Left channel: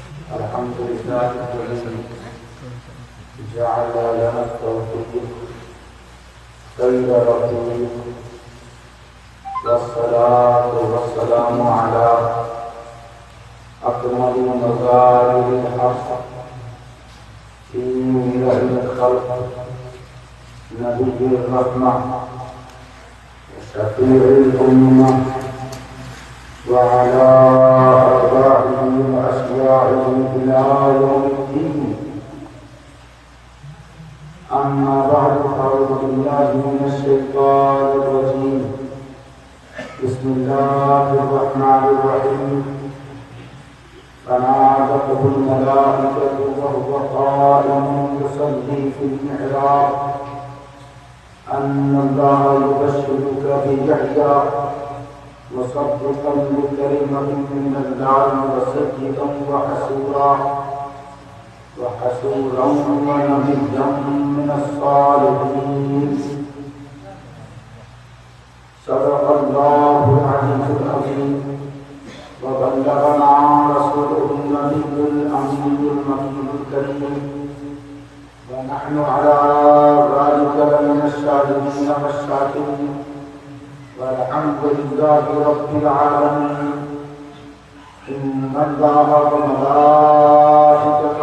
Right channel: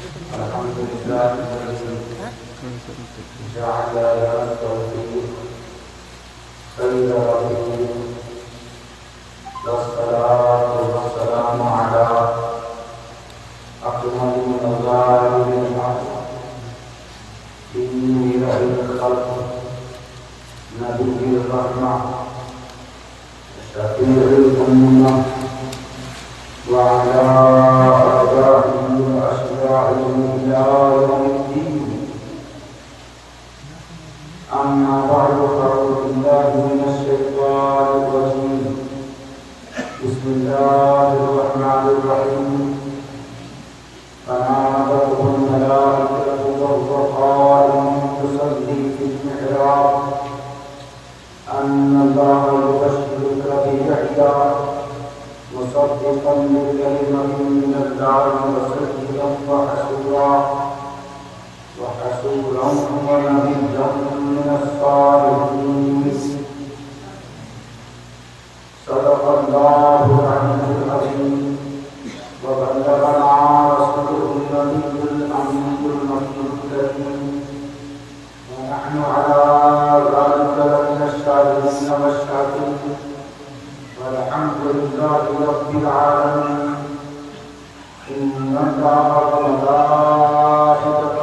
الحمد لله الذي جعل لنا التوفيق خير رفيق، والصلاة والسلام على أكمل مظاهر الحق في ملء الخلق، نبي الرحمة شفيع الأمة، وعلى آبائه وأشياعه إلى يوم الدين. أما بعد، فأعوذ بالله من الشيطان الرجيم. بسم الله الرحمن الرحيم. فنادته الملائكة وهو قائم يصلي في المحراب أن الله يبشرك بيحيى مصدقا بكلمة من الله وسيدا وحسورا ونبيا من الصالحين. صدق الله العلي العظيم، وبلغنا رسوله النبي الأمين المكين الكريم، ونحن على ذلك لمن الشاهدين والشاكرين، والحمد لله رب العالمين. إن الله وملائكته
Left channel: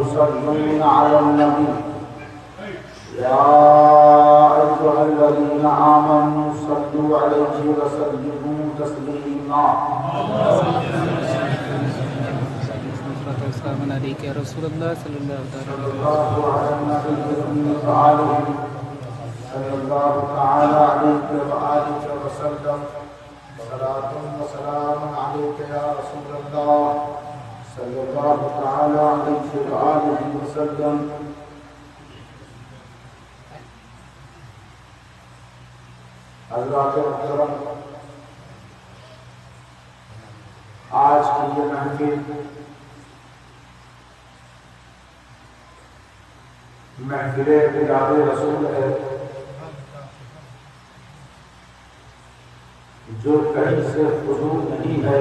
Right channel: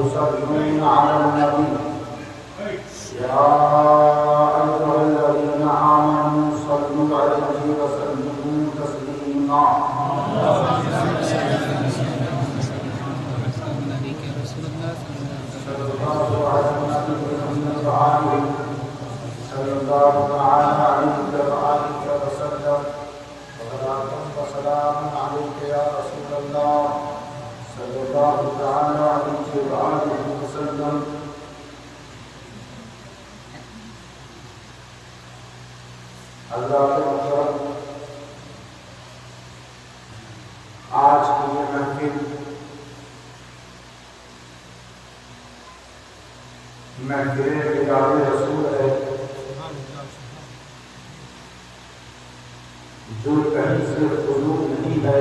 يصلون على النبي، يا أيها الذين آمنوا صلوا عليه وسلموا تسليما. يا رسول الله صلى الله على النبي وآله صلى الله تعالى عليه وآله وسلم. صلاة وسلام عليك يا رسول الله صلى الله تعالى عليه وآله وسلم. حضرات محترم، آج کی یہ محفل محفل بلاد رسول ہے، جو کہیں سے فضول نہیں ہے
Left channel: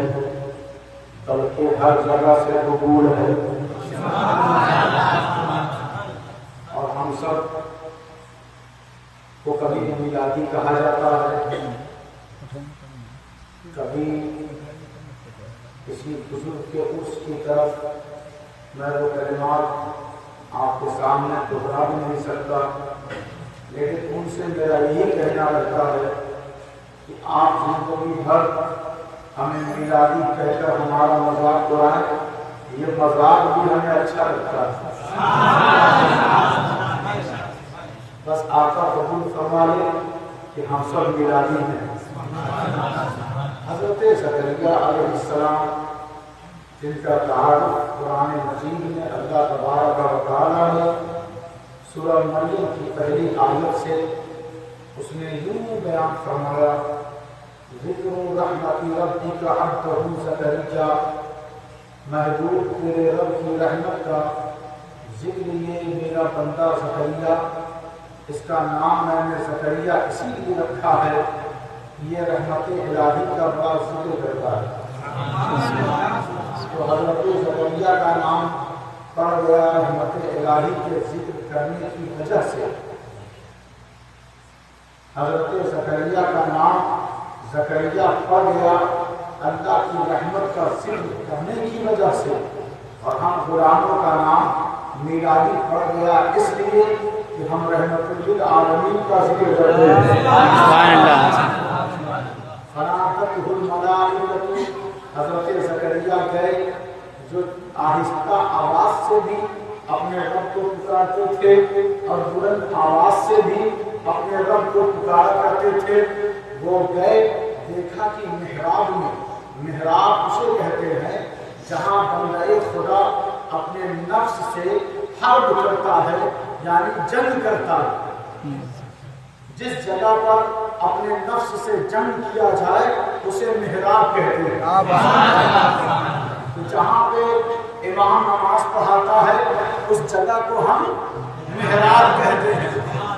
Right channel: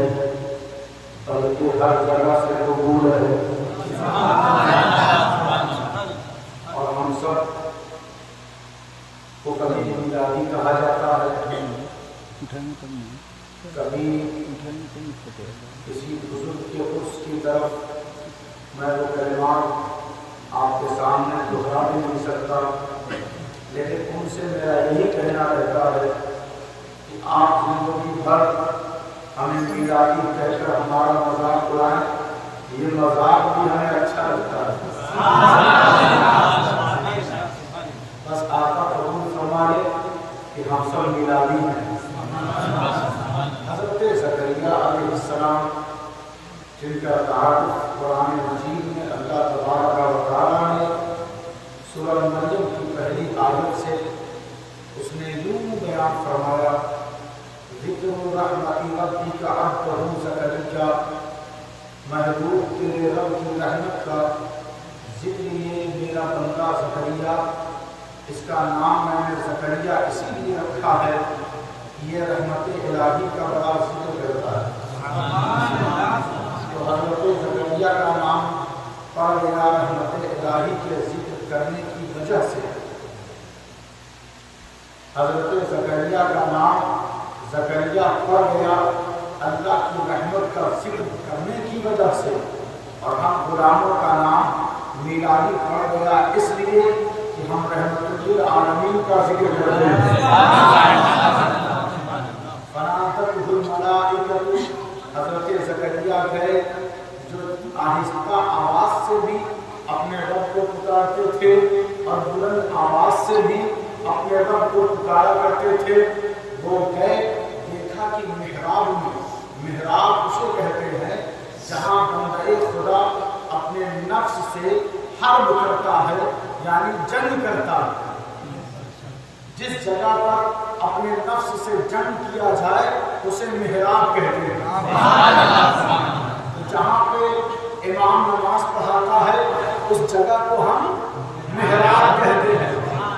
بلکہ ہر جگہ سے قبول ہے. اور ہم سب کو کبھی میلادی کہا جاتا ہے، کبھی کسی بزرگ کے عرس کی طرف. میں وہ کلمات آپ کے سامنے دہرا بھی نہیں سکتا، لیکن ان سے میرا یہی کہنا رہتا ہے کہ آپ زندگی بھر ہمیں میلادی کہہ کر ہمارا مذاق اڑائیں، یہ مذاق بھی ہمیں اچھا لگتا ہے. بس آقا قبول فرمائے کہ ہم سب میلادی ہیں. حضرت زکریا علیہ السلام، جن کا تعارف قرآن مجید میں اللہ تبارک و تعالیٰ نے سورہ مریم کی پہلی آیت سے اس نے یوں بیان فرمایا: ذکر رحمت ربک عبدہ زکریا، محبوب تیرے رب کی رحمت کا ذکر یہ میرا بندہ زکریا. اس کا نام میں نے زکریا اسی لیے رکھا ہے، یہ رحمت الہی کا بڑا ذکر کرتا ہے. تو حضرت زکریا کا نام پڑ گیا رحمت الہی کے ذکر کرنے کی وجہ سے. حضرت زکریا کا نام زکریا پڑ گیا اللہ کی رحمت کا ذکر کرنے کی وجہ سے. اور ہم غلاموں کا نام میلادی پڑ گیا اس لیے کہ ہم رحمت للعالمین کا ذکر کرتے ہیں. فنادته الملائکۃ، حضرت زکریا گئے جو آہستہ آواز سے بھی اپنے رب کو پکارتے تھے اور بلند آواز سے بھی اپنے رب کو پکارا کرتے تھے. وہ گئے، دیکھا کہ محراب میں، محراب اسے کہتے ہیں جہاں بندہ خدا اپنے نفس سے حرب کرتا ہے، یعنی جنگ کرتا ہے. جس جگہ پر اپنے نفس سے جنگ کیا جائے اسے محراب کہتے ہیں. تو جہاں پہ امام نماز پڑھاتا ہے اس جگہ کو ہم محراب کہتے ہیں،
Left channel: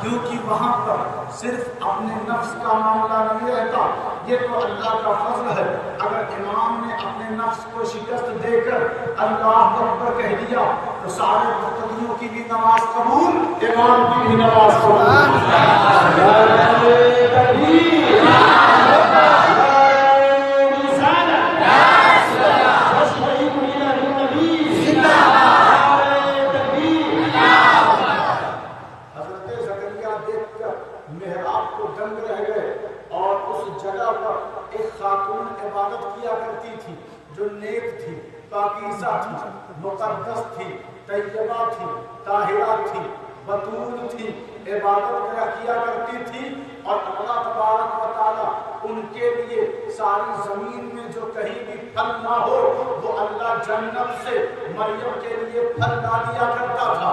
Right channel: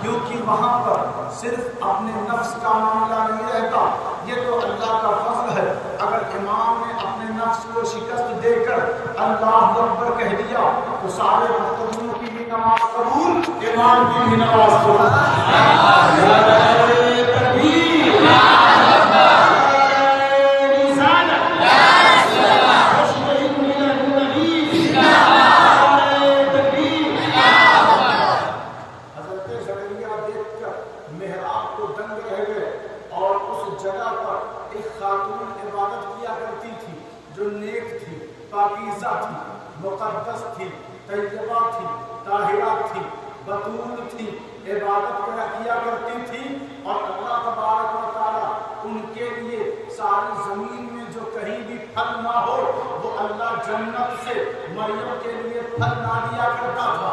کیونکہ وہاں پر صرف اپنے نفس کا معاملہ نہیں رہتا یہ تو اللہ کا فضل ہے. اگر امام نے اپنے نفس کو شکست دے کر اللہ اکبر کہہ دیا تو سارے مقتدیوں کی بھی نماز قبول, امام کی بھی نماز قبول. حضرت زکریا دیکھ کر محراب کو دنگ رہ گئے اور اس جگہ پر ایک خاتون عبادت کیا کرتی تھی جو نیک تھی, پاکیزہ تھی, مقدس تھی, طیبہ تھی, طاہرہ تھی, بطول تھی, عبادت کیا کرتی تھی. اور اللہ تبارک و تعالیٰ ان کے لیے ساری زمین میں جو کہیں بھی پھل نہ ہو وہ اللہ جنت سے مریم کے لیے پھل لا دیا کرتا تھا.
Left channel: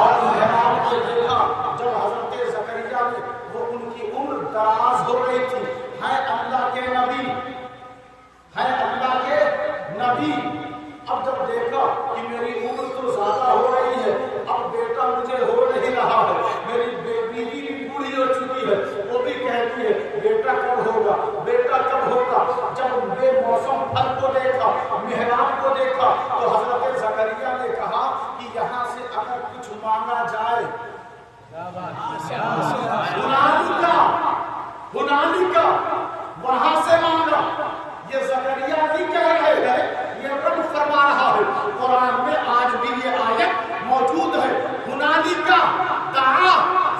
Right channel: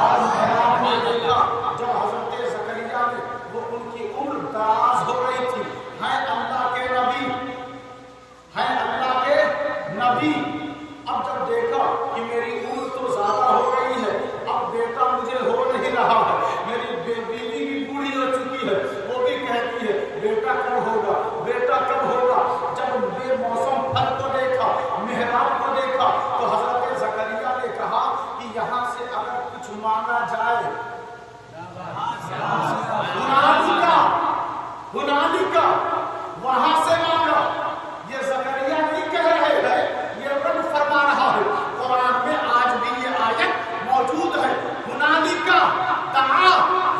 اور محراب نے دیکھا جب حضرت زکریا نے, وہ ان کی عمر دراز ہو رہی تھی, ہیں اللہ کے نبی, ہیں اللہ کے نبی. اب جب دیکھا کہ میری عمر تو زیادہ ہو گئی ہے, اب بیٹا مجھے ہو نہیں رہا ہے, میری بیوی بھی بوڑھی ہو چکی ہے, وہ بھی کہتی ہے بیٹا کب ہوگا, بیٹا کب ہوگا. جب بے موسم پھل کو دیکھا, محراب کو دیکھا, تو حضرت زکریا نے کہا کہ یہاں سے اگر کچھ مانگا جائے, ہنالکا وہاں سے مانگا. یہ زکریا نہیں کہہ رہے ہیں, یہ رب فرما رہا ہے. قرآن میں آج بھی یہ آیت موجود ہے. ہنالکا دعا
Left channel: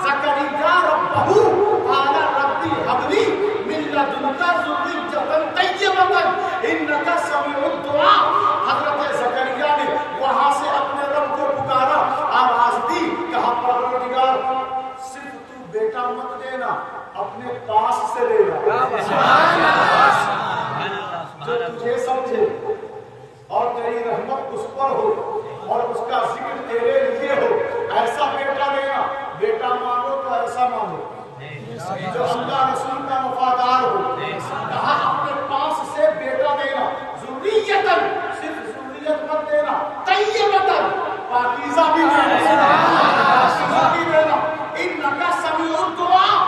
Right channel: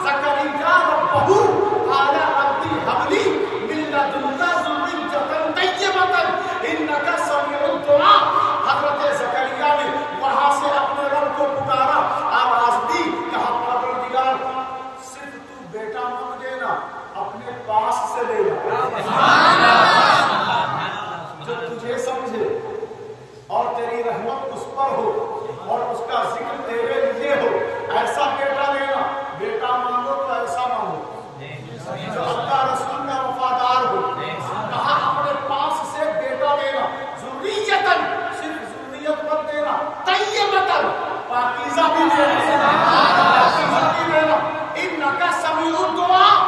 زکریا ربہ قال ربی هب لی من لدنک ذریۃ طیبۃ انک سمیع الدعاء. حضرت زکریا نے وہاں سے اپنے رب کو پکارا, آواز دی, کہا پروردگار صرف تو بیٹا مت دینا, اپنے پاس سے لینا جو تجھے سمجھے اور تیری رحمت اس پر ہو اور اس کا ذکر تیرے لیے ہو, ایسا بیٹا دینا. بیٹا مانگو تو ایسا مانگو جو اللہ رسول کا وفادار ہو. کہا اپنے پاس سے بیٹا دینا, ذریتن صرف ذریت مت دینا, طیبتن پاکیزہ بھی دینا, پاکیزہ بھی دینا. انک سمیع الدعاء,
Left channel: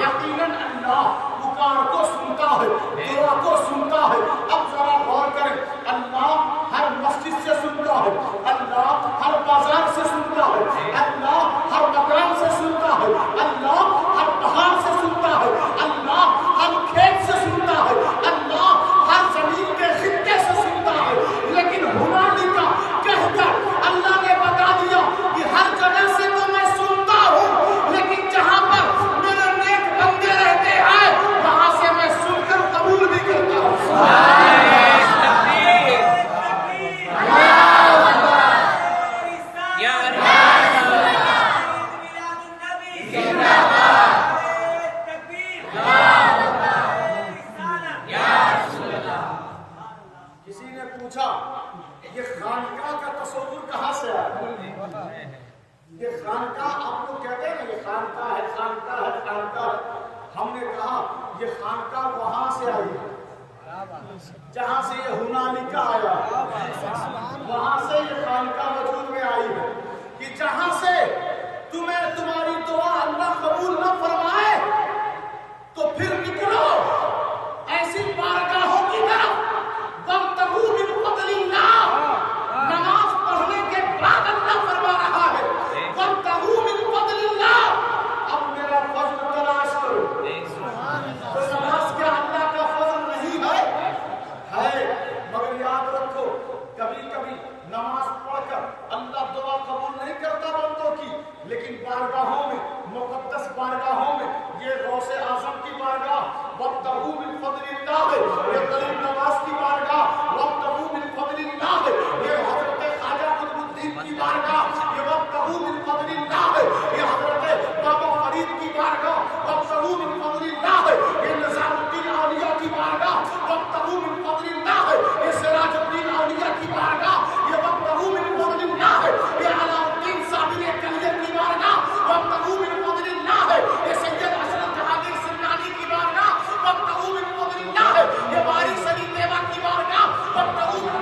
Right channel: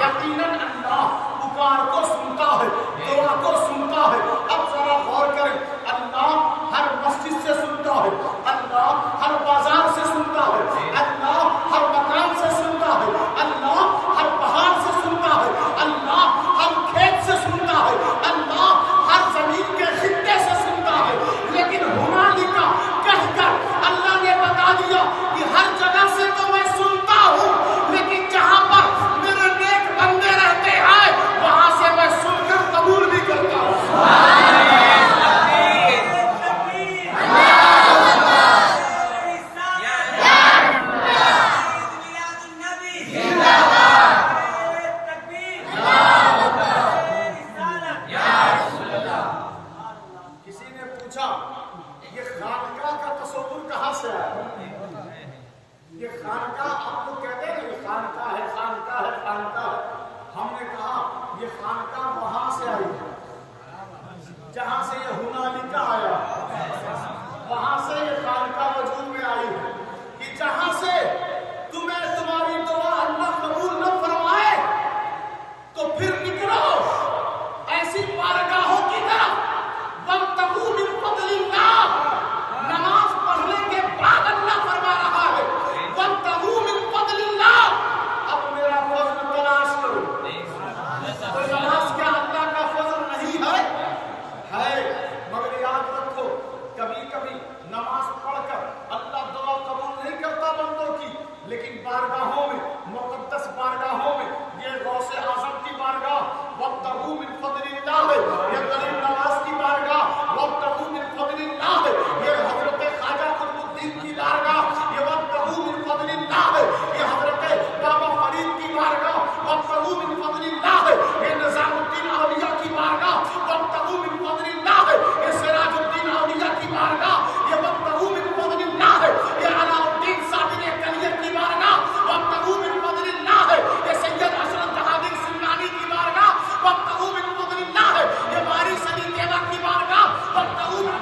یقیناً اللہ پکار کو سنتا ہے, دعا کو سنتا ہے. اب ذرا غور کریں, اللہ ہر مسجد سے سنتا ہے, اللہ ہر بازار سے سنتا ہے, اللہ ہر مکان سے سنتا ہے, اللہ ہر پہاڑ سے سنتا ہے, اللہ ہر کھیت سے سنتا ہے, اللہ ہر زمین کے خطے سے سنتا ہے. لیکن ہنالکا کہہ کر اللہ نے بتا دیا کہ ہر جگہ سے تو میں سنتا ہوں, لیکن جہاں پر میرے نیک بندے رہتے ہیں وہاں سے میں سن کر قبول بھی کرتا ہوں. کسی نے پوچھا یہ خانقاہ کا تصور کہاں سے آیا؟ یہ خانقاہ آپ لوگ کہتے ہیں یہ خانقاہ ہے, خانقاہ ہے, خانقاہ ہے. ہم نے کہا یہ خانقاہ وہاں سے آئی ہے جہاں سے یہ ہنالکا آیا, وہاں سے یہ خانقاہ وجود میں آئی ہے کہ جہاں سے تمہیں تمہاری دعا اللہ قبول نہ فرمائے تو پھر نکلو ایسی بارگاہوں کی طرف. وابتغوا من فضل اللہ, نماز پڑھنے کے بعد اللہ فرما رہا ہے وابتغوا من فضل اللہ, اب میرا فضل تلاش کرو. تو نماز کیا اللہ کا فضل نہیں ہے, مگر یاد رکھو کبھی کبھی نماز پڑھ کر اللہ دعا قبول نہیں کرتا بندوں کی, لیکن بارگاہوں میں, مقدس بارگاہوں میں, یہ غوث اعظم کی بارگاہ وابتغوا من فضل اللہ ہے, یہ غریب نواز کی بارگاہ وابتغوا من فضل اللہ ہے, یہ حضرت خواجہ قطب الدین کی بارگاہ یہ وابتغوا من فضل اللہ ہے, یہ حضرت بابا فرید کی بارگاہ وابتغوا من فضل اللہ ہے, یہ نظام الدین اولیاء کی بارگاہ وابتغوا من فضل اللہ ہے, یہ سراج الدین اولیاء کی بارگاہ یہ وابتغوا من فضل اللہ ہے, یہ علاء الدین صابری کلیہ کی بارگاہ وابتغوا من فضل اللہ ہے, یہ سید حسن جہانگیر سنانی کی بارگاہ وابتغوا من فضل اللہ ہے, یہ وارث علی دیوا کی بارگاہ وابتغوا من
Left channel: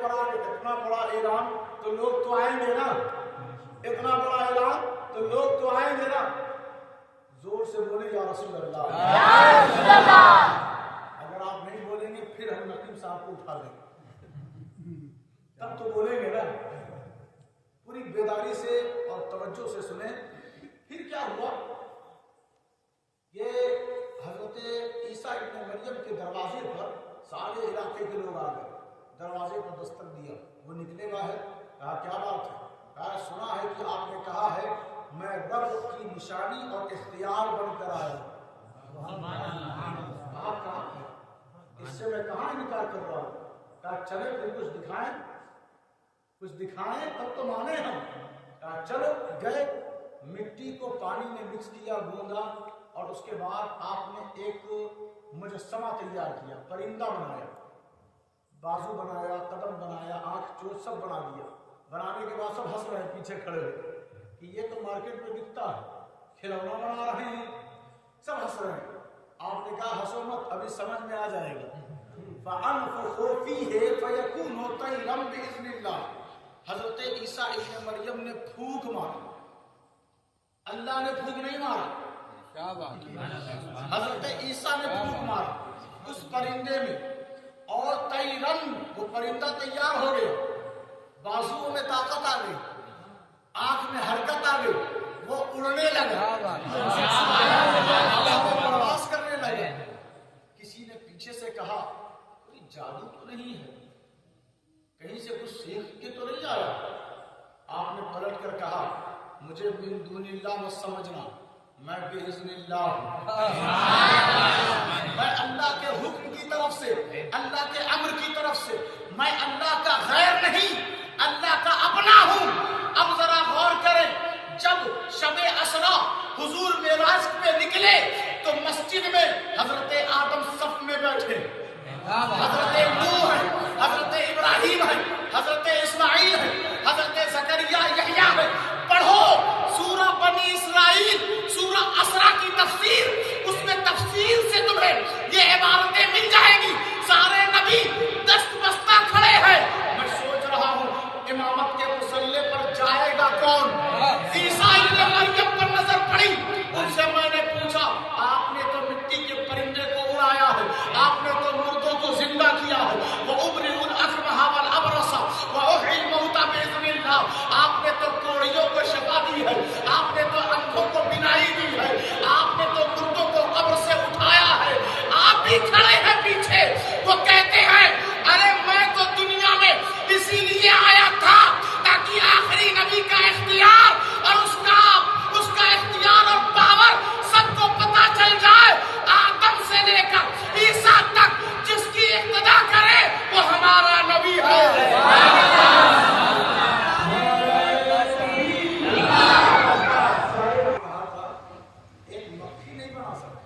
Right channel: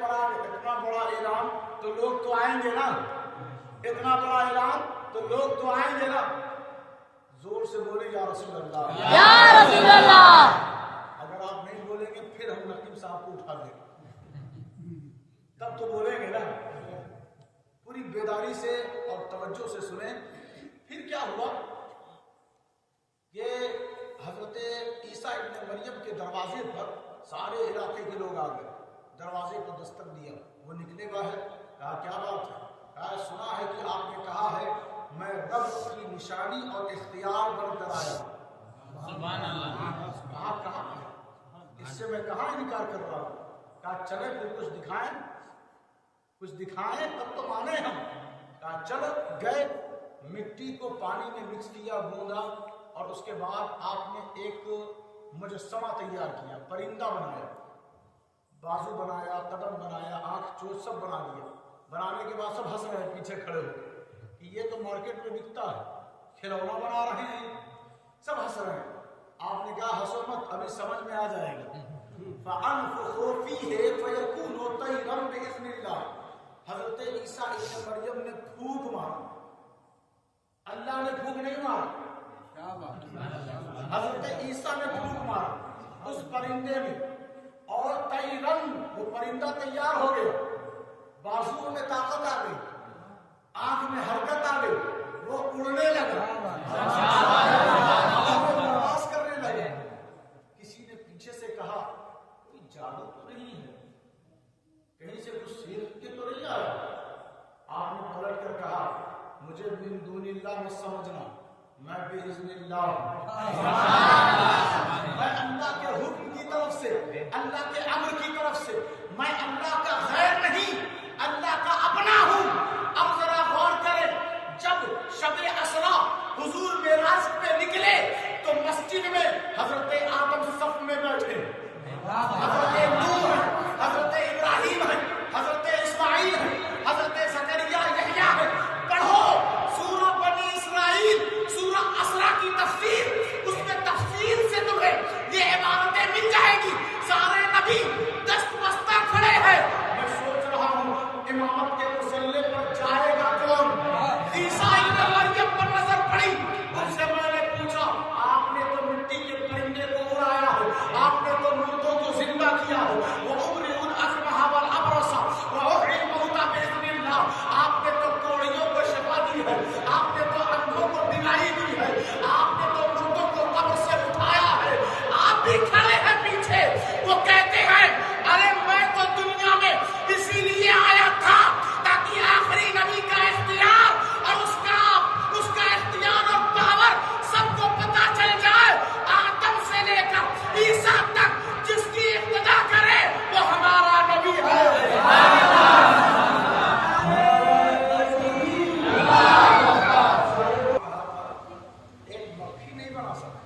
پر آ گئے. اتنا بڑا اعلان تو لوگ تو آئیں گے نا, اتنا بڑا اعلان تو لوگ تو آئیں گے نا. زور سے بولے یا رسول اللہ, یا رسول اللہ. اگر آپ نہیں بولیں گے پھر ہم نقیب صاحب کو اٹھا دیں گے, تب تو بولیں گے نا. پوری بیداری سے اور توجہ سے سنیں. پھر کیا ہوا کہ حضرت عیسیٰ ابن مریم کے دروازے پر سارے علاقے کے لوگ آ گئے. دروازے پر دستک دیا, وہ نکلے باہر. کہا کیا بات ہے؟ کہا سنا ہے کہ آپ نے کہا ہے میں رب کی نشانی اور اختیار بن کر آیا ہوں. کہا کہاں, اس سے میں کہاں انکار کر رہا ہوں. کہا چلے پھر کچھ دکھائیں, کچھ دکھائیں تب تو مانے ہم. کہا چلو. گئے, مٹی کو پانی میں مکس کیا, گوندا, اور اس کے بعد آپ نے ایک مجسمہ تیار کیا, پرندہ بنایا, بازو بنایا, قدم بنایا, آنکھ چوچ سب بنا دیا. بنانے کے بعد سب ہنس رہے ہیں پیچھے کھڑے ہو کہ یہ تو مارکیٹ میں بکتا ہے, کھلونا بنا رہے ہیں. سب ہنس رہے ہیں. آپ نے کہا ہنسو مت, ابھی سمجھ میں آ جائے گا. فَأَنفُخُ فِيهِ فَيَكُونُ طَيْرًا بِإِذْنِ اللَّهِ. حضرت عیسیٰ ابن مریم نے پھونک مارا, اللہ نے پھونک نہیں مارا. حضرت عیسیٰ نے پھونک مارا اس پرندے میں, اور طیرن, وہ پرندہ تیار ہو گیا. بازوؤں میں طاقت آ گئی, آنکھ میں حرکت آ گئی, وہ اڑنے لگا, ہوا میں پرواز کرنے لگا. کسی نے پیچھے سے کہا کوئی جادو تو نہیں ہے, کہیں سے کچھ سیکھ کے تو نہیں آیا. آپ نے پلٹ کر کہا مجھے من دون اللہ مت سمجھنا, میں باذن اللہ ہوں. میں اللہ کے حکم کی طرف سے, اللہ کے امر کی طرف سے, میں اللہ کا غیر نہیں, اللہ کا اپنا ہوں. اب ذرا غور کریں, جب شب اسرا حضور معراج پہ نکلے تو مسجد میں حضرت آدم صف میں بیٹھے, حضرت نوح ہے, حضرت ابراہیم ہے, حضرت اسماعیل ہے, حضرت زکریا یحییٰ ہے. پڑھو سورہ بنی اسرائیل, سورہ اسرا کی تفسیر, اس میں تفسیر سے تمہیں یہ عبارتیں مل جائیں گی. سارے نبی دست بستہ کھڑے ہیں. میں سوچ رہا ہوں امامت کے مصلے پر جائے گا کون. عیسیٰ ابن مریم پر نظر پڑی, ان سے میں نے پوچھا آپ نے تو مٹی کے پرندے کو اڑایا ہے, آپ نے تو مردوں کو زندہ کیا ہے, وَأُبْرِئُ الْأَكْمَحَ وَالْأَبْرَصَ وَأُحْيِي الْمَوْتَىٰ بِإِذْنِ اللَّهِ. آپ نے تو کوڑیوں کو شفا دی ہے, آپ نے تو اندھوں کو بینائی دی ہے, آپ نے تو مردوں کو قبر سے اٹھایا ہے. آپ بھی کھڑے ہیں پیچھے. وہ کہتے ہیں ارے میں تو دنیا میں اسی لیے آیا تھا تاکہ آخری نبی کا اختیار اور اس کا اختیار اور پاور سب کو پتا چل جائے. آدم سے لے کر عیسیٰ تک جس کی اقتدا کرے وہ ہمارا نبی ہے. ایک مکھی نہیں بنا سکتا,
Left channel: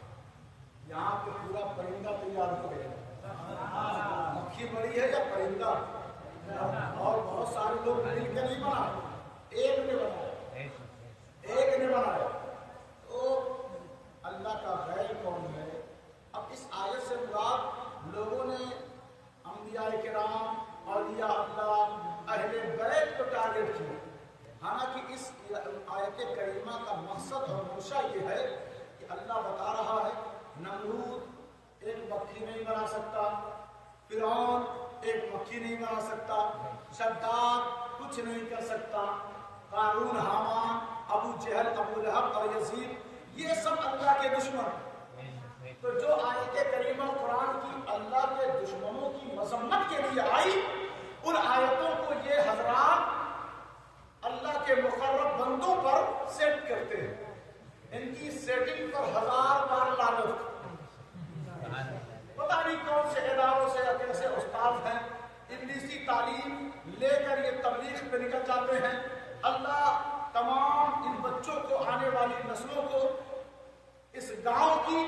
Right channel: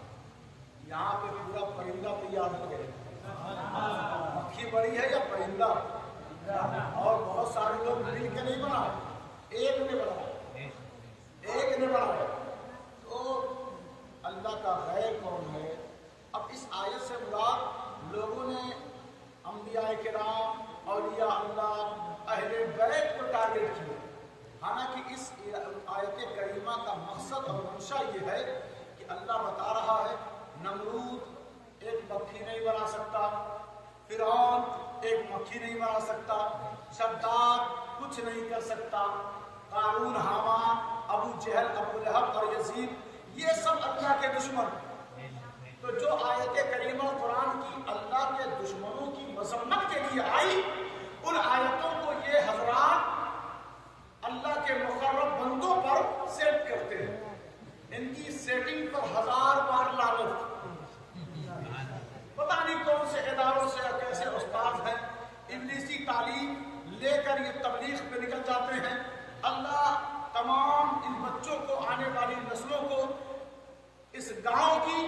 یہاں پہ پورا پرندہ تیار ہو گیا. مکھی بڑی ہے یا پرندہ, اور بہت سارے لوگ مل کے نہیں بنا, ایک نے بنایا, ایک نے بنایا. تو اللہ کا غیر کون ہے؟ اب اس آیت سے مراد لوگوں نے انبیاء کرام, اولیاء اللہ, اہل بیت کو ٹارگٹ کیا. حالانکہ اس آیت کریمہ کا مقصد اور منشا یہ ہے کہ اللہ بتا رہا ہے نمرود ایک مکھی نہیں بنا سکتا, فرعون ایک مکھی نہیں بنا سکتا, شداد کچھ نہیں کر سکتا, قارون, حامان, ابو جہل, ابو لہب اور یزید یہ سب اللہ کے دشمن ہیں. تو جو آیت کریمہ قرآن کی اللہ کے دشمنوں کی مذمت کے لیے آئی, ان آیتوں کو یہ حضرات اللہ کے مقرب بندوں پر سیٹ کرتے ہیں. ان کی سیٹنگ پر 1000 بار لعنت. پتہ نہیں کون سے اداروں سے یا کیسے استاد ہیں, ابلیسی تعلیم لے کر یہ تبلیغ پہ نکل جاتے ہیں. اللہ تمام ان بچوں کو, آنے والی نسلوں کو, اس گاؤں کی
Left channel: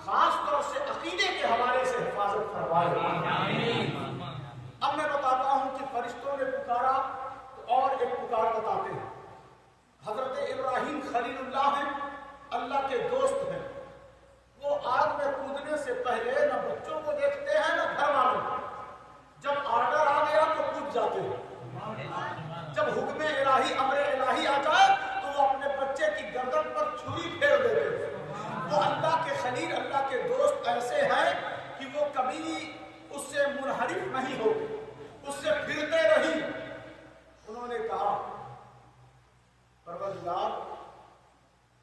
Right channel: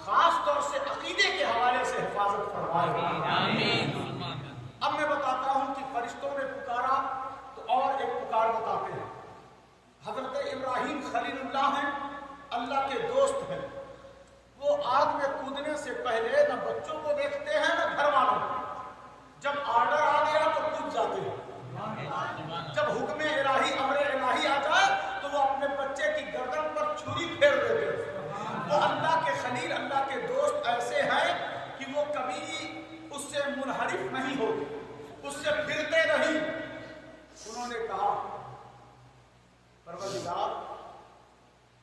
خاص طور سے عقیدے کے حوالے سے حفاظت فرمائے. اب میں بتاتا ہوں کہ فرشتوں نے پکارا تو اور ایک پکار بتاتے ہیں. حضرت ابراہیم خلیل اللہ ہیں, اللہ کے دوست ہیں. وہ آگ میں کودنے سے پہلے نہ بچوں کو دیکھتے ہیں نہ گھر والوں کو. جب آرڈر آ گیا تو کود خلیل اللہ کے دوست ایسے ہیں کہ وہ کبھی اس سے منحرف نہیں ہوتے، اس سے پھرتے نہیں۔ انہوں نے کہا پروردگار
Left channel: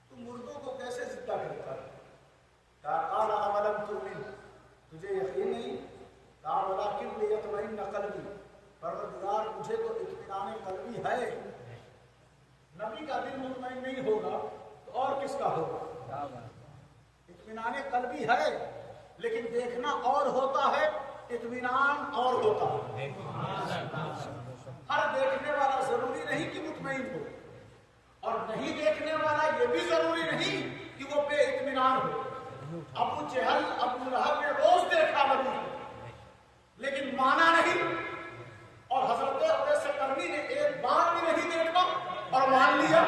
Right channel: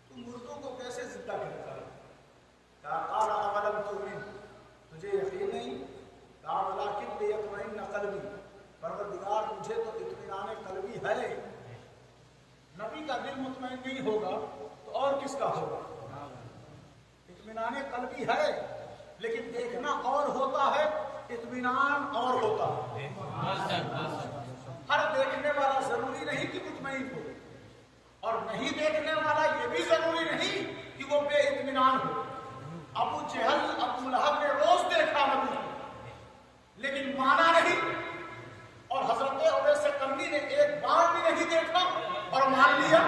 تو مردوں کو کیسے زندہ کرتا ہے؟ کہا قال اولم تؤمن، تجھے یقین نہیں؟ کہا ولکن لیطمئن قلبی، پروردگار مجھے تو اطمینان قلبی ہے۔ نبی کا دل مطمئن نہیں ہوگا تو اور کس کا ہوگا؟ اطمینان قلبی ہے، لیکن دیکھنا اور ہوتا ہے، اطمینان اور ہوتا ہے۔ ہر دیکھنے والا ضروری نہیں کہ مطمئن ہو، اور نہیں دیکھنے والا یہ بھی ضروری نہیں کہ وہ بے اطمینان ہو۔ ابو جہل ابو لہب نے روز دیکھا نبی کو، لیکن مانا نہیں، اور حضرت اویس قرنی نے ایک بار بھی نہیں دیکھا اور مان لیا۔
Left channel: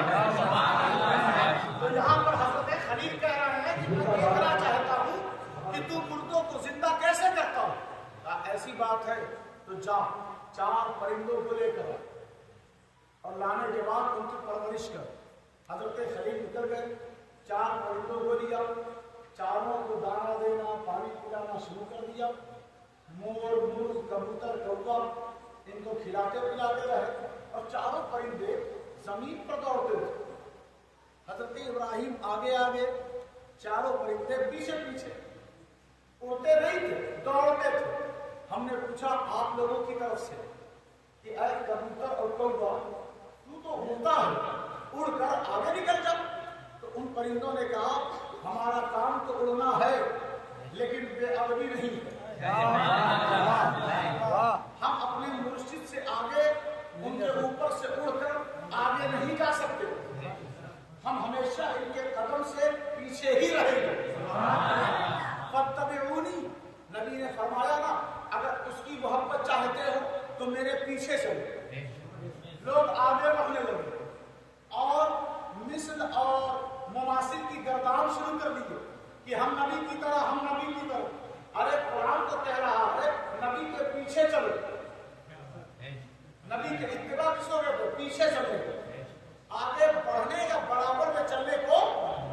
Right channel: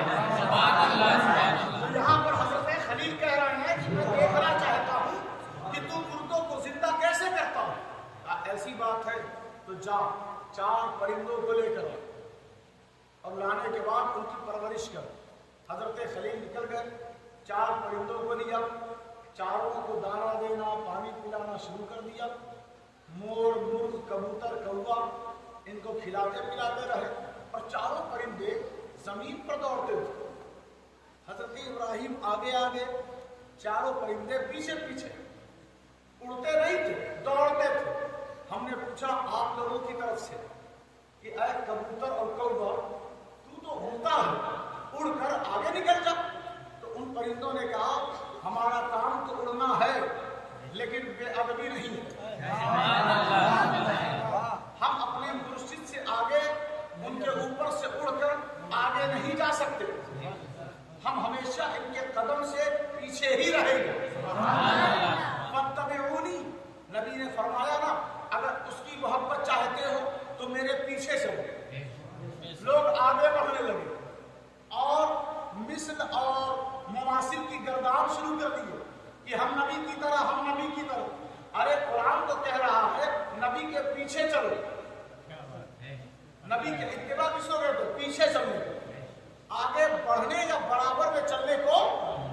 تو یہاں پر حضرت خلیل کہہ رہے ہیں کہ میں دیکھنا چاہتا ہوں کہ تو مردوں کو زندہ کیسے کرتا ہوں۔ کہا ایسی بات ہے تو جا 4 پرندوں کو لے کر آ، اور لانے کے بعد ان کی پرورش کر۔ حضرت خلیل نکل گئے، 4 پرندوں کو لیا، چاروں کو دانا دینا پانی پلانا شروع کر دیا۔ مور مرغ کبوتر کوا ان کو کھلاتے پلاتے رہے، اور چاروں پرندے زمین پر دوڑتے تھے۔ حضرت ابراہیم آگے آگے، چاروں پرندے پیچھے پیچھے، اڑتے نہیں تھے، دوڑتے تھے۔ ہم نے پوچھا آپ لوگوں کی طرف سے کہ اے کبوتر اور کوا تو اڑتا ہے، اڑ کر آگے نکل جا۔ تو ان پرندوں نے کہا ہمارا کام تو اڑنا ہے لیکن بے ادبی نہیں ہے، ہم اپنے مرشد سے آگے ان کے اوپر سے اڑ کر آگے نہیں جا سکتے، ہم ہمیشہ ان کے قدم سے پیچھے ہی رہیں گے۔ فاتبعونی، نبی نے فرمایا نا اگر اس کی محبت چاہتے ہو تو میرے پیچھے چلو۔ لوگ آگے بڑھنے لگے اور مثل اور مماثل کی گردان شروع کر دیے کہ ہم نبی کی طرح، ہم نبی کی طرح۔ ارے قرآن تو کہہ رہا ہے نبی کے پیچھے چلو، نبی کے اتباع کس کو کہتے ہیں؟ پیچھے چلنے کو۔ آگے بڑھنے یا برابر میں چلنے کو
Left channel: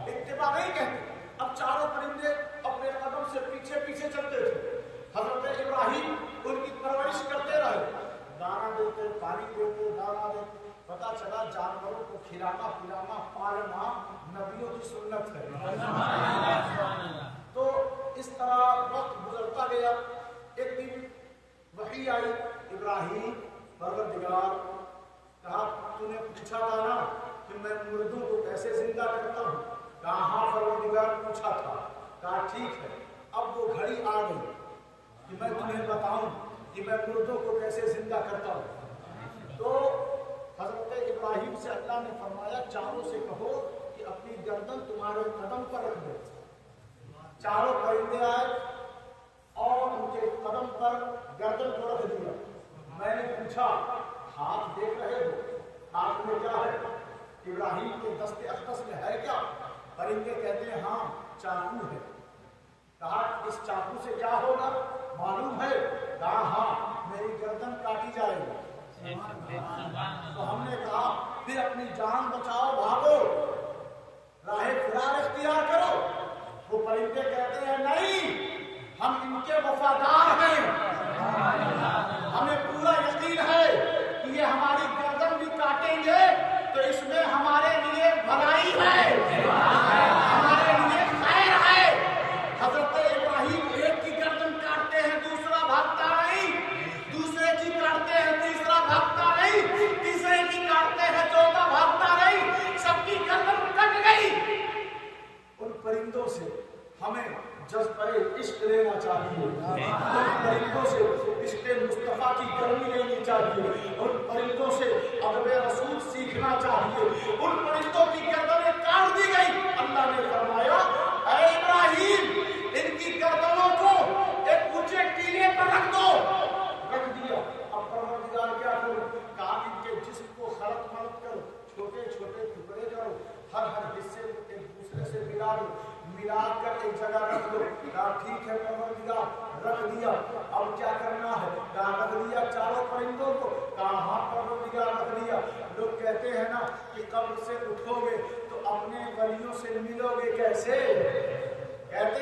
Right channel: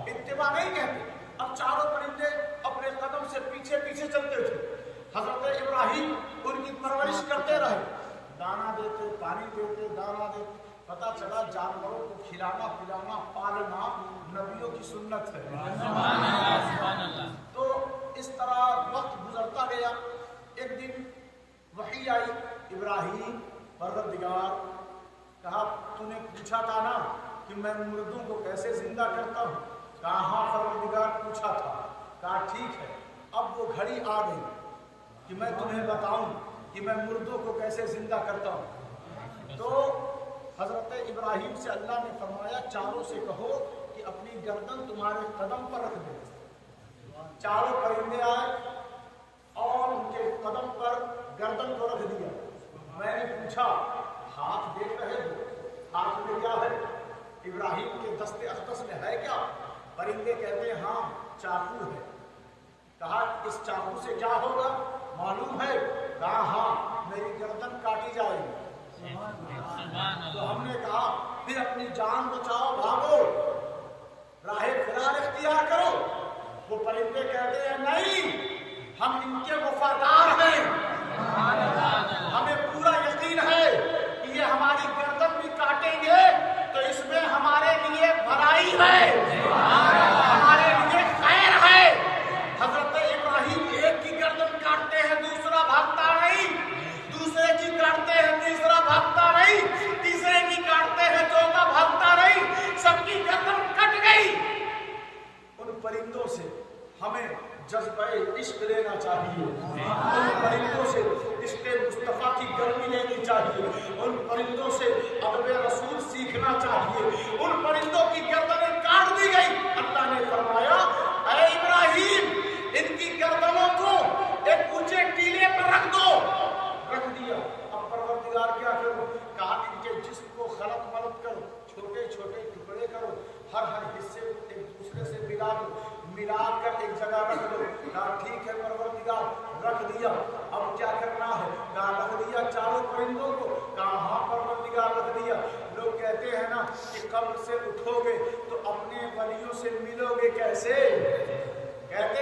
اتباع نہیں کہتے۔ اب چاروں پرندے اپنے قدم سے پیچھے پیچھے چلتے تھے۔ حضرت ابراہیم ان کی پرورش کرتے رہے، دانا دیتے، پانی دیتے، دانا دیتے۔ پتا چلا جانوروں کو کھلانا پلانا پالنا نبیوں کی سنت ہے۔ تو اس طرح وقت گزرتا گیا۔ ایک دن وحی آئی، ابراہیم پروردگار، کہا تو نے پوچھا تھا نا کہ میں مردوں کو کیسے زندہ کرتا ہوں؟ کہا ہاں پروردگار پوچھا تھا۔ کہا ٹھیک ہے، اب وہ گھڑی آ گئی کہ میں تمہیں بتاؤں کہ میں مردوں کو کیسے زندہ کرتا ہوں۔ تو حضرت ابراہیم سے اللہ نے فرمایا چاروں سے کہو کہ اپنی گردن تمہارے قدم پر رکھ دو۔ چاروں پرندے آئے اور ان کے قدم پر گردن کو رکھ دیا۔ میں نے پوچھا ہاتھ دیکھ رہے ہو، ہاتھ میں کیا ہے؟ ابراہیم کے دست اقدس میں ہے کیا؟ پرندے کہتے ہیں ہاں چاقو ہے۔ کہا اس چاقو سے کیا ہوگا معلوم ہے؟ کہا ہاں میری گردن کاٹی جائے گی۔ تو ہم نے کہا پھر اپنی جان بچاؤ، بھاگو، راہ فرار اختیار کرو۔ وہ پرندے کہتے ہیں نہیں، ہم ان کے وفادار ہیں، ہمیں پورا یقین ہے کہ یہ ہماری گردن بھی کاٹیں گے تو اس میں ہمارے لیے بھلائی ہے، ہمارے لیے خیر ہے۔ حضرت ابراہیم ایک کی گردن کاٹتے ہیں دوسرا بھاگتا نہیں، دوسرے کی کاٹتے ہیں تیسرا بھاگتا نہیں، تیسرے کی کاٹتے ہیں چوتھا بھاگتا نہیں، سب کی گردن کٹ گئی۔ ان پرندوں سے ہمیں جذبہ عشق لینا چاہیے، ان پرندوں سے عشق مصطفیٰ کی گرمی لینی چاہیے، ان پرندوں سے ادب رسول سیکھنا چاہیے۔ ان پرندوں کی گردنیں کاٹ دی گئی۔ اللہ نے فرمایا اے ابراہیم ان کی گردنوں کو ایک اونچے ٹیلے پر رکھ دو۔ رکھ دیا۔ اب پروردگار کیا کرو؟ کہا ان کے جسم کو خلط ملط کرو، چھوٹے چھوٹے ٹکڑے کرو، ہر حصے ایک دوسرے سے ملا دو، ملا کر ایک جگہ رکھ دو۔ کہا ٹھیک ہے پروردگار، رکھ دیا۔ اب کیا کرنا ہے؟ کہا رکھ دیا چاروں پرندوں کو۔ کہا ہاں پروردگار رکھ دیا۔ لوگ کہتے ہیں نا کہ قبر سے اٹھو گے تو اپنے ولیوں سے ملو گے کیسے؟ کہتے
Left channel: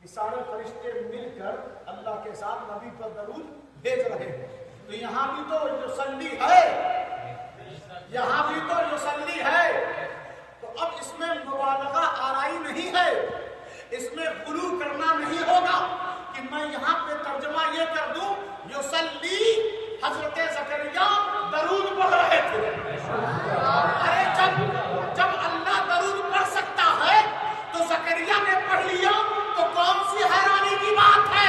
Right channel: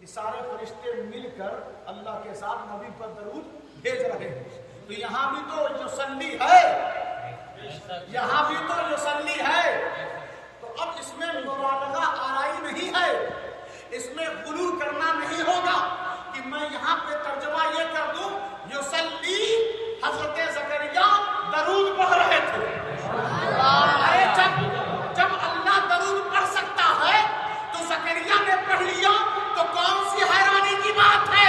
یہ سارے فرشتے مل کر اللہ کے ساتھ نبی پر درود بھیج رہے ہیں. تو یہاں بھی تو یصلی ہے, یہاں بھی تو یصلی ہے. تو اب اس میں مبالغہ آرائی نہیں ہے, اس میں غلو کرنا نہیں ہوگا کہ میں یہاں پہ ترجمہ یہ کر دوں یصلی حضرت زکریا درود پڑھ رہے تھے. ارے جب اللہ درود پڑھ سکتا ہے تو زکریا نے پڑھ لیا تو کون سی حیرانی کی بات ہے.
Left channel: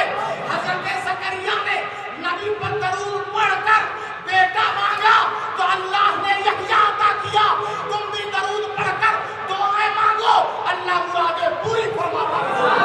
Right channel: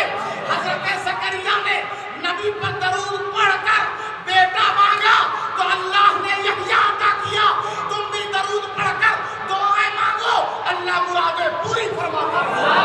حضرت زکریا نے نبی پر درود پڑھ کر بیٹا مانگا تو اللہ نے یحییٰ عطا کیا. تم بھی درود پڑھ کر دعائیں مانگو, اللہ مرادیں پوری فرماتا ہے.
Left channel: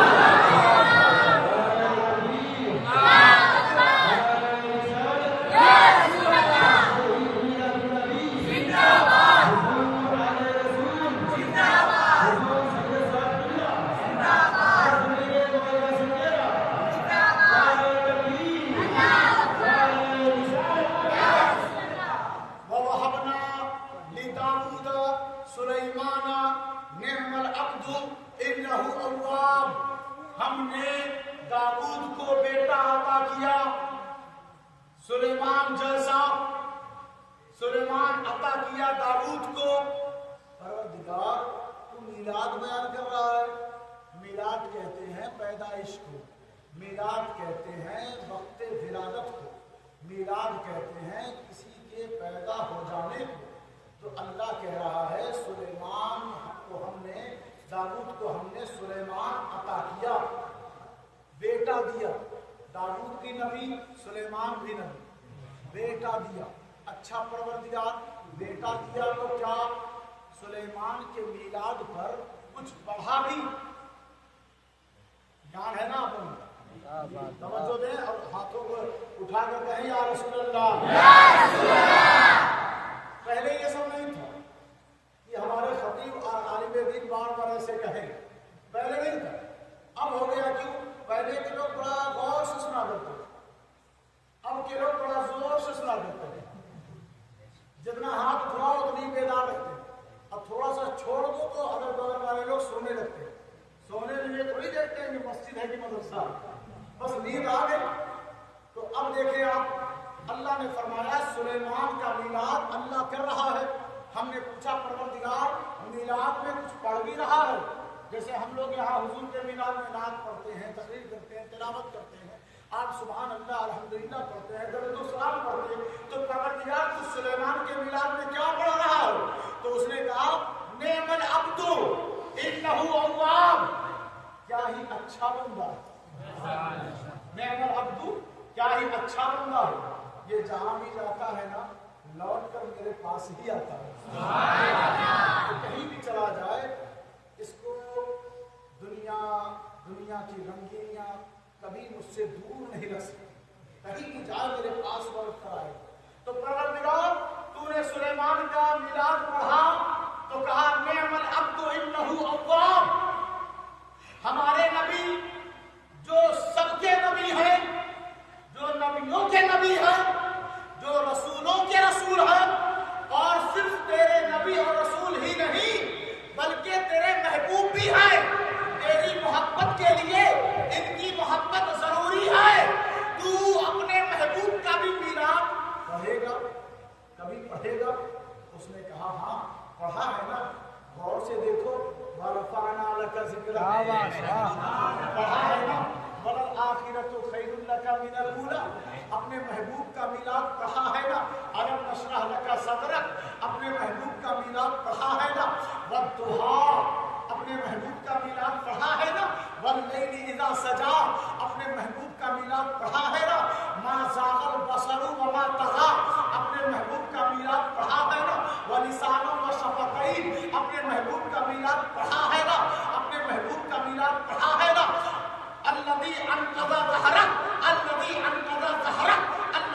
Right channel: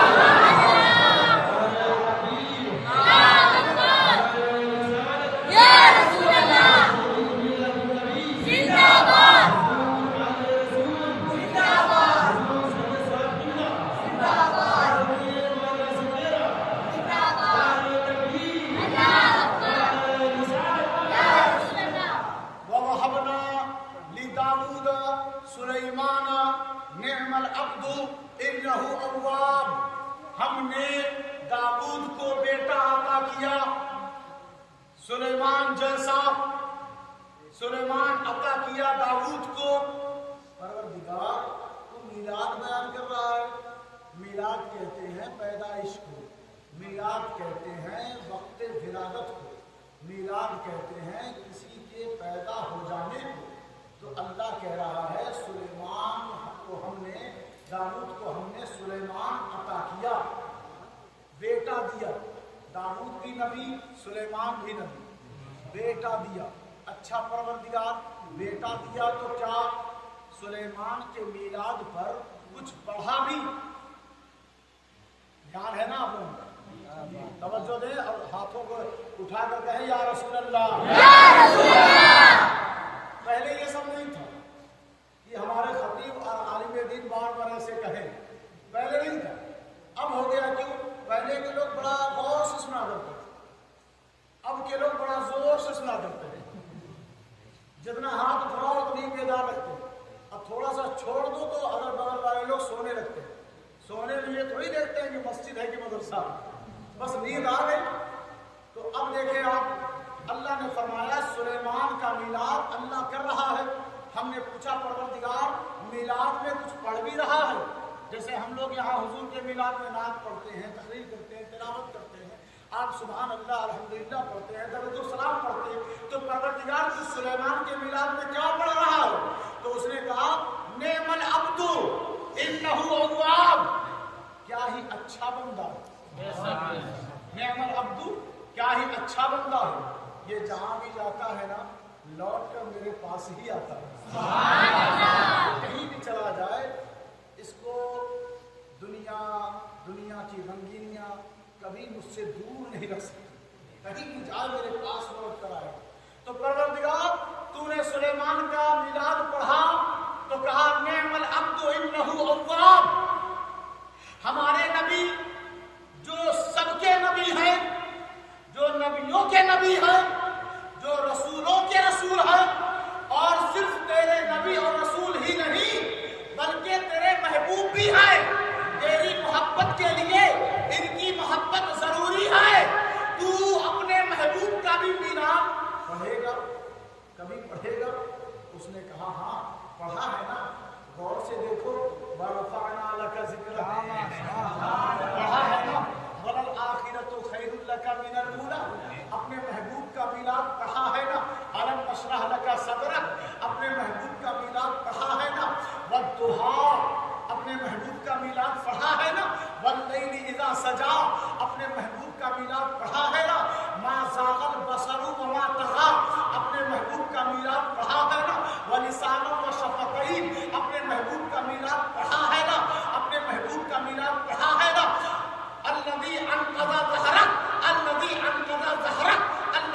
سلیمان نعم العبد انہ اواب. ہم نے داؤد کو بیٹا عطا کیا, سلیمان جیسا سلیمان عطا کیا داؤد کو. پروردگار تو میلاد بیان کر رہا ہے. میلاد کہتے ہیں پیدائش کو, میلاد کہتے ہیں وقت ولادت کو, میلاد کہتے ہیں کسی کے پیدا ہو جانے کو. تو اللہ کہہ رہا ہے سلیمان کو ہم نے, داؤد کو ہم نے سلیمان عطا کیا, بیٹا دیا. داؤد بھی نبی, سلیمان بھی نبی, بیٹا دیا. اچھا پروردگار بیٹا دیا تو کیا سلیمان کے میلاد پر کچھ بڑھا بھی؟ دھیان ہے نا آپ لوگوں کا, توجہ دیں اور ہاتھوں کو اٹھا کر کہیں یا رسول اللہ, یا رسول اللہ. پہلے یہ سب نہیں تھا کہ ہمارے خطیب اور عالم دین بار بار ایسے کہیں, پہلے نہیں تھا. اب ہو گیا. کیوں؟ پہلے کے لوگ بڑا غور سے سنا کرتے تھے, اب کے لوگ بڑا زور سے سنا کرتے ہیں. جتنا ہاتھ اٹھاؤ اتنی بیدار رکھتے ہیں, اور تھوڑا سا چھوڑ دو تو اگل بغل والے لوگ سونے لگتے ہیں. سونے میں یہ تھوڑی دیکھتے ہیں کہ مسجد ہے کہ مدرسہ, بس نیند آ گئی. تو اب دیکھیں آپ, اللہ نے فرمایا سلیمان کا میلاد اللہ کر رہا ہے. ہم نے پوچھا پروردگار میلاد میں کچھ پڑھ بھی رہا ہے؟ جیسے ہم لوگ یہاں حضور کے میلاد میں نعت پڑھتے ہیں, تقریر کرتے ہیں, تلاوت کرتے ہیں, آپ سبحان اللہ الحمدللہ پڑھتے ہیں, درود و سلام پڑھتے ہیں. تو پروردگار تو سلیمان کے میلاد میں کیا پڑھ رہا ہے؟ تو اس نے کہا نعم العبد انہ اواب. کیا ہی اچھا بندہ ہے, نعم العبد کیا ہی اچھا بندہ ہے. یہ جہاں بھی جاتا ہے نا لوٹ کر میرے پاس ہی آتا ہے. کہیں بھی چلا جائے اس کو دنیا کی رنگینیاں کبھی مجھ سے دور نہیں رکھ سکتی. کہیں بھی جائے میرے پاس لوٹ کر آئے. تو پروردگار تو نے سلیمان کا میلاد پڑھا تو کہا نعم العبد انہ اواب. ہمارے نبی جو سب کے نبی ہیں, جو نبیوں کے نبی ہیں, جو رسولوں کے رسول ہیں, اور صرف تیرے نبی اور رسول ہی نہیں بلکہ تیرے محبوب بھی ہیں. تیری محبت کے لیے ان کی محبت ضروری ہے. تو اپنے محبوب کا بھی میلاد پڑھے گا, کبھی پڑھے گا؟ اس نے کہا ہاں پڑھا ہے نا. غور سے دیکھو, وَرَفَعْنَا لَكَ ذِكْرَكَ, پڑھا ہے نا. وَلَلْآخِرَةُ خَيْرٌ لَكَ مِنَ الْأُولَىٰ, اپنے محبوب کا میلاد پڑھا ہے نا. أَلَمْ نَشْرَحْ لَكَ صَدْرَكَ, اپنے محبوب کا میلاد پڑھا ہے نا. وَالضُّحَىٰ, اپنے محبوب کا میلاد پڑھا ہے نا. وَاللَّيْلِ إِذَا سَجَىٰ, اپنے محبوب کا میلاد پڑھا ہے نا. مَا زَاغَ الْبَصَرُ وَمَا طَغَىٰ, اپنے محبوب کا میلاد پڑھا ہے نا. وَلِسَانٌ وَشَفَتَيْنِ, اپنے محبوب کا میلاد پڑھا ہے نا. اپنے محبوب کا میلاد پڑھا ہے نا. الذي انقض ظهرك, الذي انقض ظهرك,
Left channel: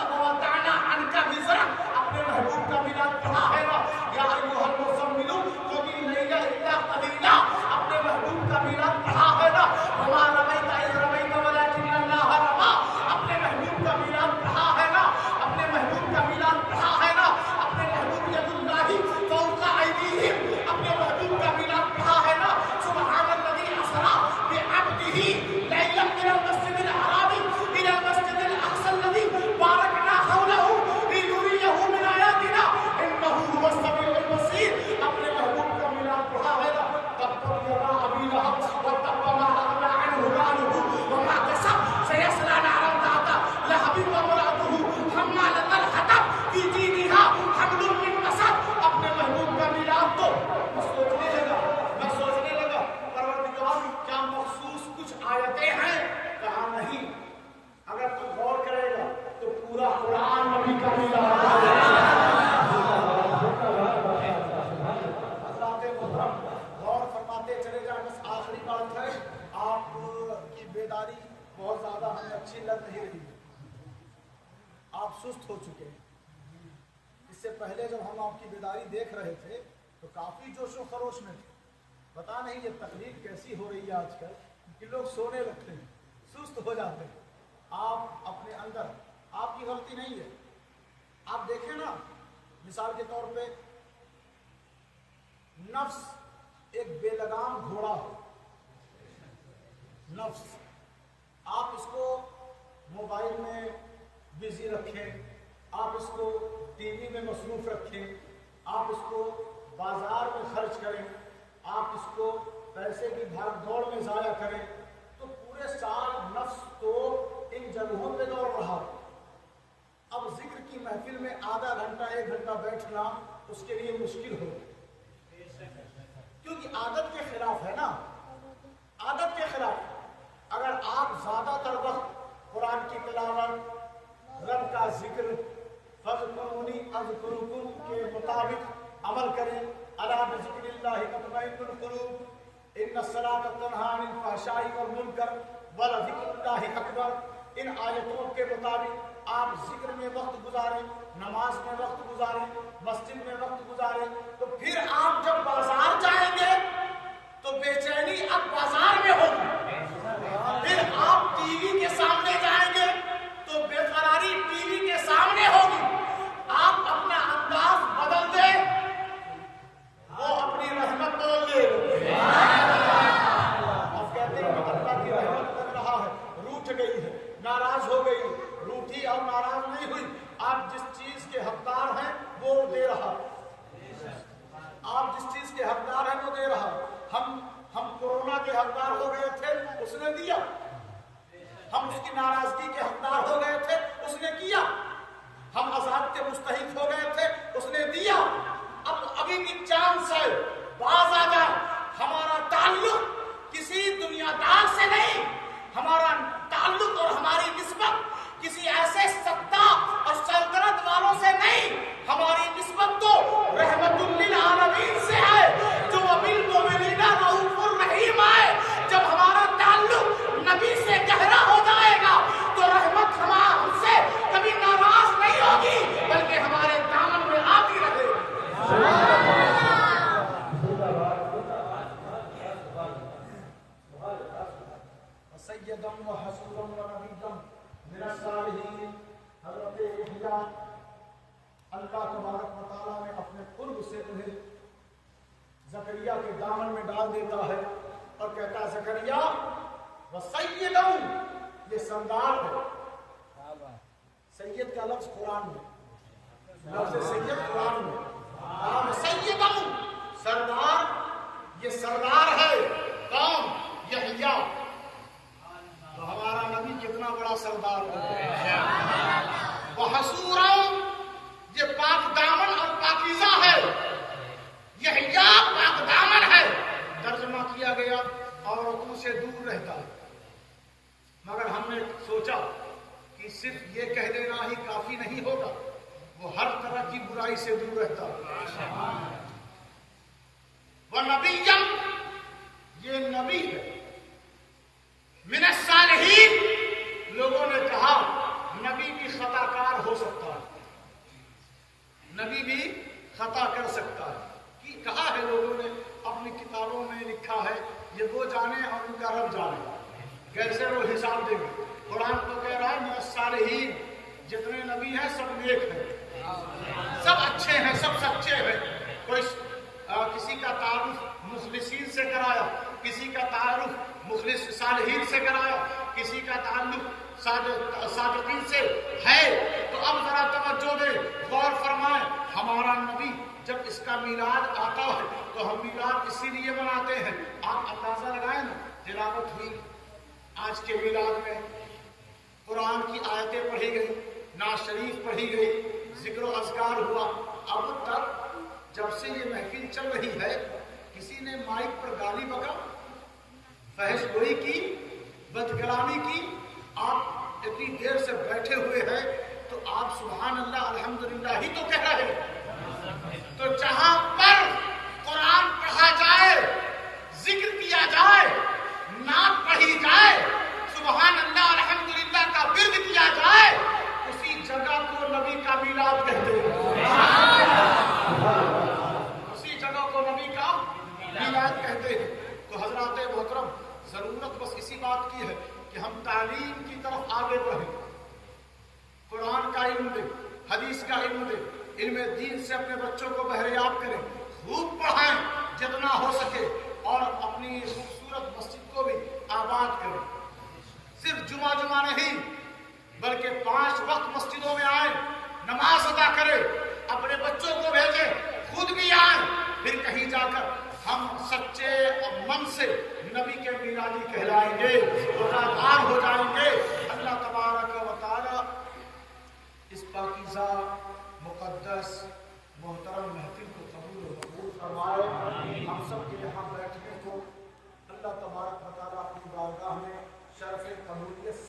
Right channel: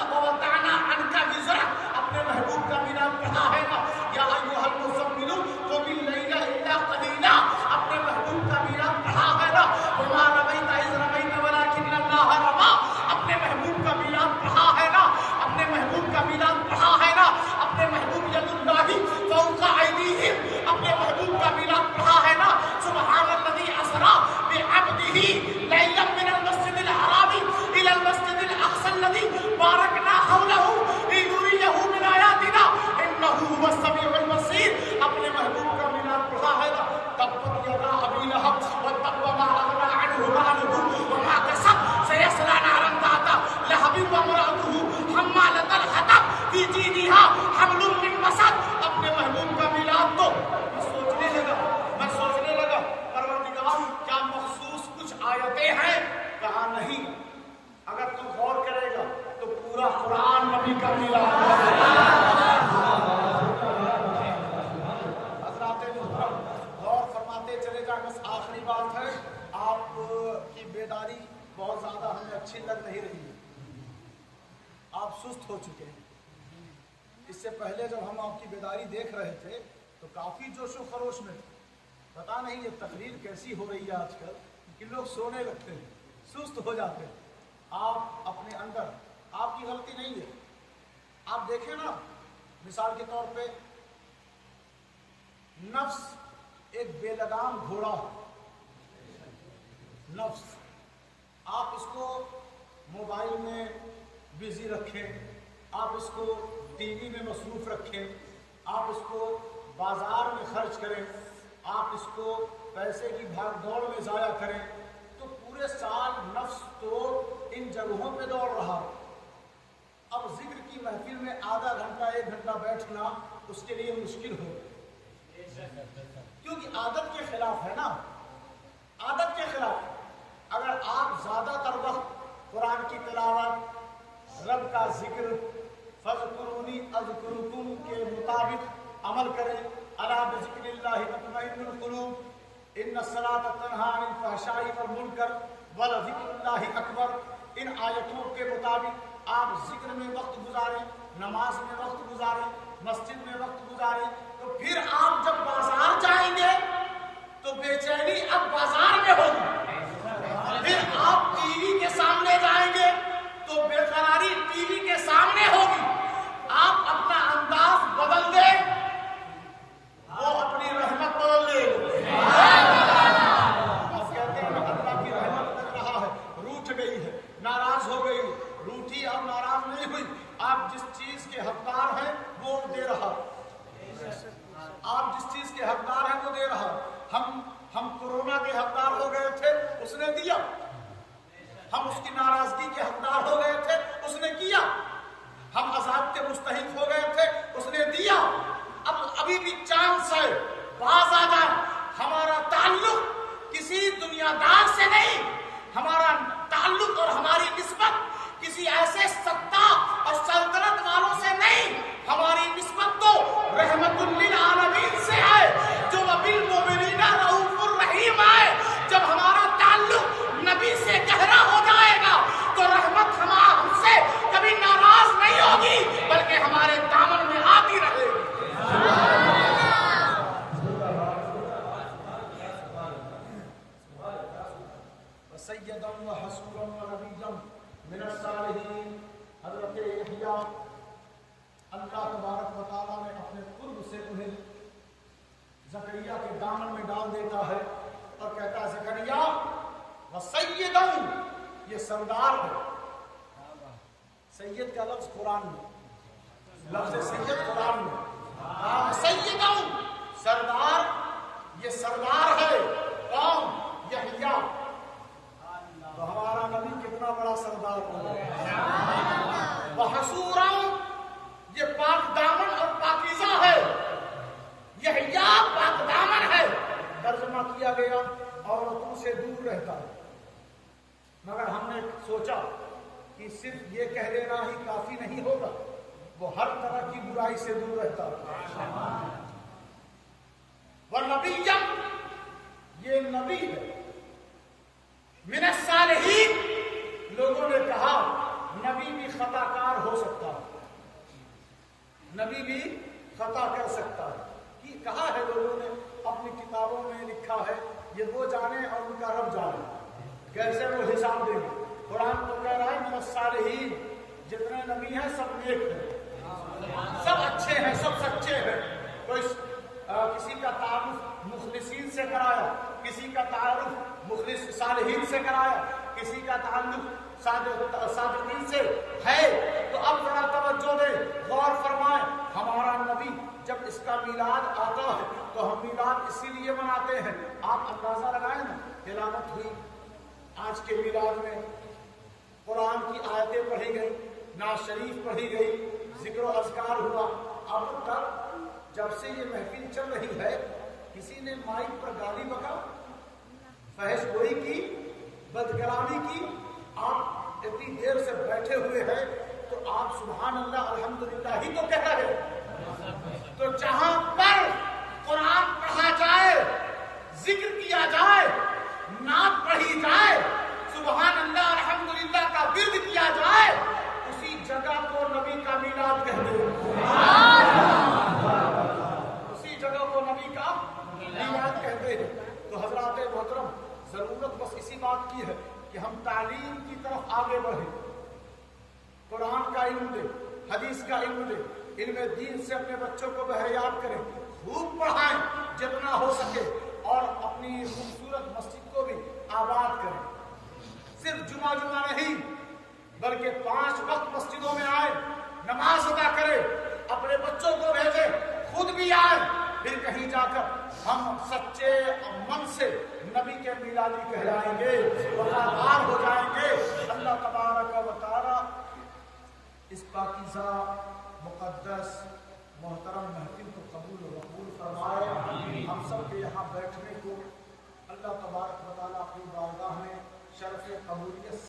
ووضعنا عنك وزرك, اپنے محبوب کا میلاد پڑھا ہے نا. یا ایھا المزمل قم الليل الا قليلا, اپنے محبوب کا میلاد پڑھا ہے نا. وما رميت اذ رميت ولكن الله رمى, اپنے محبوب کا میلاد پڑھا ہے نا. اپنے محبوب کا میلاد پڑھا ہے نا. اپنے محبوب ید اللہ فوق ایدیہم, اپنے محبوب کا میلاد پڑھا ہے نا. سبحان الذي اسرى بعبده جائیں. بس آخری بات ہے, آپ کی بیداری بہت زیادہ ہمیں اچھی لگ نہیں رہی ہے. آپ سست ہو چکے ہیں. اس سے پہلے جب ہم آپ کی بیداری دیکھ رہے تھے تو کافی جوش و خروش میں تھے. پتہ نہیں یہ تقریر کیسی ہو رہی ہے آج کل کہ لوگ سونے لگتے ہیں, سست ہو جاتے ہیں. آپ اپنے اندر, آپ کی غلطی نہیں ہے. آپ دیکھیں نا, مثال کے طور پہ نفس ایک بے لگام گھوڑا ہے. نفس, آپ اس کو موبائل میں بزی رکھیں, آپ اس کو ٹی وی میں مصروف رکھیں, آپ اس کو بازار میں خرچ کریں, آپ اس کو پیسے کی بھاگ دوڑ میں ضائع کریں, تو پورے سال نفس تو ان جگہوں پہ دوڑ رہا. اب ذکر کی محفل میں آدھا گھنٹہ 1 گھنٹہ بیٹھنا اس کے لیے مشکل ہو, کیونکہ عادت کے خلاف ہے نا, عادت کے خلاف. اگر آپ زیادہ تر وقت قرآن کی تلاوت, رب کا ذکر, فاذکرونی اذکرکم کے مطابق عمل کریں, الا بذکر اللہ تطمئن القلوب, ان الصلاۃ تنہی عن الفحشاء والمنکر ولذکر اللہ اکبر, ان آیتوں کے مطابق آپ ذکر میں وقت گزاریں, نماز میں وقت گزاریں, مسجد میں وقت گزاریں, تو پھر آپ جب بازار جائیں گے تو بے چینی اب بازار میں ہوگی. پھر آپ ٹی وی کے سامنے جائیں گے تو بے قراری ٹی وی کے سامنے ہوگی. آپ اپنا انداز بدل دیں, وہ اپنی رحمت بدل لے. آپ کہتے ہیں اللہ کی رحمت لگ رہا ہے, روٹھ گئی ہے, ناراض ہو گئی. روٹھی اور ناراض نہیں ہوئی, آپ جس چیز کے حقدار ہیں وہ دے رہا. آپ جس چیز کے حقدار ہیں وہ دے رہا. ہم کورونا کے حقدار ہو گئے تھے, اس نے دیا. ہم اس کی ناراضگی کے حقدار ہو گئے تھے, اس نے کیا. ہم عذاب کے مستحق ہو گئے تھے, اس نے دیا. اب ابھی بھی چانس ہے, باز آ جائے. ہمارا تعلق کسی دنیا دار سے نہیں, ہمارا تعلق اور ہماری نسبت کسی ایسے ستا اور سلطنت والوں سے نہیں, ہماری نسبت تو رحمت للعالمین سے ہے, جو بالمؤمنین رؤوف الرحیم ہے. جب ہمارا تعلق نبی سے گہرا ہو جائے گا تو رحمت ہم سے کبھی ناراض نہیں ہوگی, بلکہ ہمارے دامن میں آتی رہے گی. سیداً و حصوراً و نبیاً من الصالحین. حضرت یحییٰ اللہ تبارک و تعالیٰ نے اپنے قرب سے انہیں زکریا کے دامن میں ڈال دیتا ہے اور کہتا ہے زکریا و سیداً, یہ سردار ہے. سید کا لفظ قرآن میں, لفظ سید قرآن میں نام سیداً, سردار. یہ سردار ہے کون؟ یحییٰ. تو ہمارا نبی کتنا بڑا سردار ہے. وحصوراً, یہ پاک دامن اور پاکیزہ ہے. یحییٰ پاک دامن ہے. ترجمہ کیا گیا عورتوں سے دور رہتا ہے, مگر ہم نے سوچا کہ صرف یہ کہہ دینا ہی کافی نہیں ہوگا, وہ ہر طرح کی برائی سے دور رہتا ہے. وَنَبِيًّا, یہ نبی ہے. من الصالحین, لوگوں نے کہا نبی بھی خطا کار ہو سکتا ہے, نبی بھی خطا کر سکتا ہے. کہ کہا ہے لوگوں نے, اپنی کتابوں میں لکھا ہے, یہ وہ جانے اور ان کا رب جانے, کیسے وہ حساب دیں گے. قرآن تو کہہ رہا ہے من الصالحین, جتنے نبی ہیں سب نیک ہیں, سب اچھے ہیں, سب سچے ہیں. کوئی کسی کا تعارف مخلصین سے کرایا, کسی کا تعارف مخلص صالحین سے کرایا, کسی کا تعلق صادقین سے ہے. تو اب ذرا توجہ دیں, غور فرمائیں. ہمارا نبی جب اس کا میلاد آتا ہے تو ہم میلاد اسی لیے مناتے ہیں. آپ اندازہ لگائیں نا, تلاوت ہوئی آج کے میلاد میں, قرآن کی آیتیں پڑھی گئی, نعت شریف پڑھی گئی, ذکر و اذکار ہوا. اب تک جب سے یہ محفل چل رہی ہے کسی نے مائک پر گالی بکا, فحش گوئی کی, بد کلامی کی. آپ اتنی دیر سے بیٹھے ہوئے ہیں تو آپ سبحان اللہ الحمدللہ ہی تو کہہ رہے ہیں. تو جہاں پر قرآن پڑھا جائے, ذکر کی کیا جائے، نعت پڑھی جائے، سبحان اللہ الحمدللہ کا ورد کیا جائے، اسی جگہ کو نبی کا میلاد کہتے ہیں، اسی جگہ کو نبی کا میلاد کہتے ہیں۔ تو حضرات محترم، ضرورت بس اسی بات کی ہے کہ ہم تعلیم کی طرف آگے بڑھیں، قرآن کا علم دیں، حدیث کا علم دیں، علم دین سے اپنے بچوں کو بہریاب کریں، خوب پڑھائیں جتنا ہو سکے، اور اپنی خوبصورت مسجد کو بھی آباد کریں۔ صرف جمعہ نہیں بلکہ 5 وقت مسجدوں میں آئیں، نماز ادا کریں، اپنے بچوں کو بھیجیں، خود بھی آئیں، پھر کہیں جا کر ہم سچے من سے نبی کے میلادی کہلائیں گے، وفادار ہو جائیں گے۔ اللہ تبارک و تعالی اس پاکیزہ مقدس محترم محفل کو قبول و مقبول فرمائے۔ ہم سب کے یہاں بیٹھنے کو اللہ تبارک و تعالی اپنی بارگاہ میں شرف قبولیت